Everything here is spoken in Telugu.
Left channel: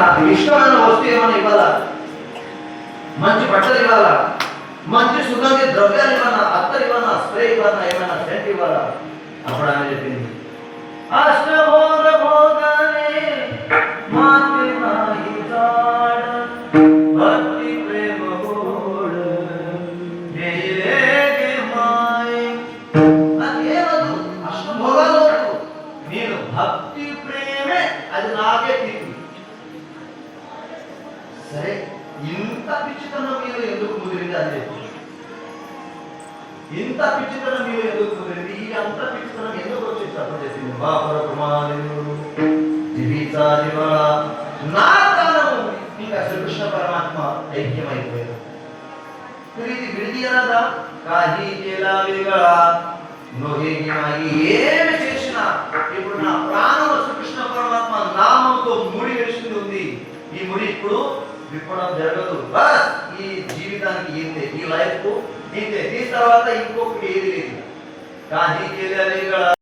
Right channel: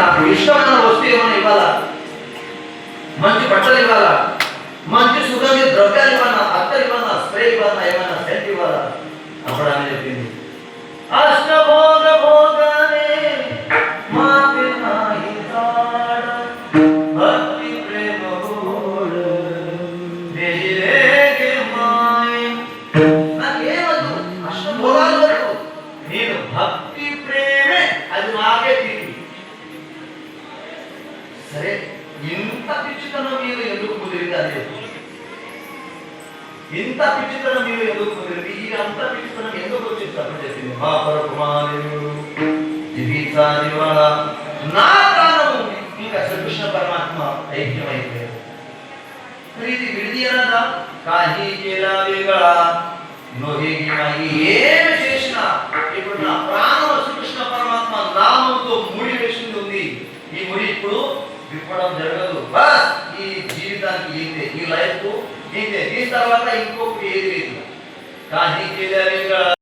నాకు ఇష్టమైన వస్తువు ఏమైనా ఇవ్వాలా, మంచి బట్టలు ఇవ్వాలా, మంచి సుగంధి ద్రవ్యాలు ఇవ్వాలా, అత్తరు ఇవ్వాలా, స్ప్రే ఇవ్వాలా, ఏమైనా సెంట్ ఇవ్వాలా. అప్పుడు ఆమె చెప్పింది, అష్టభోగ భోగనే మాతే నాయి తాడ భక్తి ప్రేమ గోడ మేరేగే మాయ. నాకేమద్దు, అష్టభోగాలు వద్దు, నేను భక్తి ప్రేమే అది నాకే తీరు. సరే, ఇంత పిచ్చితనం మీరు ఎందుకు కుదిరింది? అదే ఇంత పిచ్చితనం మీరు ఎందుకు కుదిరింది? ఈ అంత పిచ్చితనం ఎందుకు వచ్చేసి తప్పని చెప్పింది. మా పరకుమారుడు నా కారణము ఇంకా శ్రీకృష్ణ పరమాత్మ ఐక్యమైపోయారు. ఇది విడిది అనదా కాజీ చేలావేగా ఏమి చేసినా ఇప్పుడు నా ప్రాణం శ్రీకృష్ణ పరమాత్మ నామంతో ముడి వేసింది ఉంది. ఈ ముడి ఇప్పుడు విప్పడం జరగదు. బస్ ఈ జీవితానికి ఏంటే, ఈ లైఫ్ ఇంతే, దీని తర్వాత ఇంకొకటి ఏది లేదు. కానీ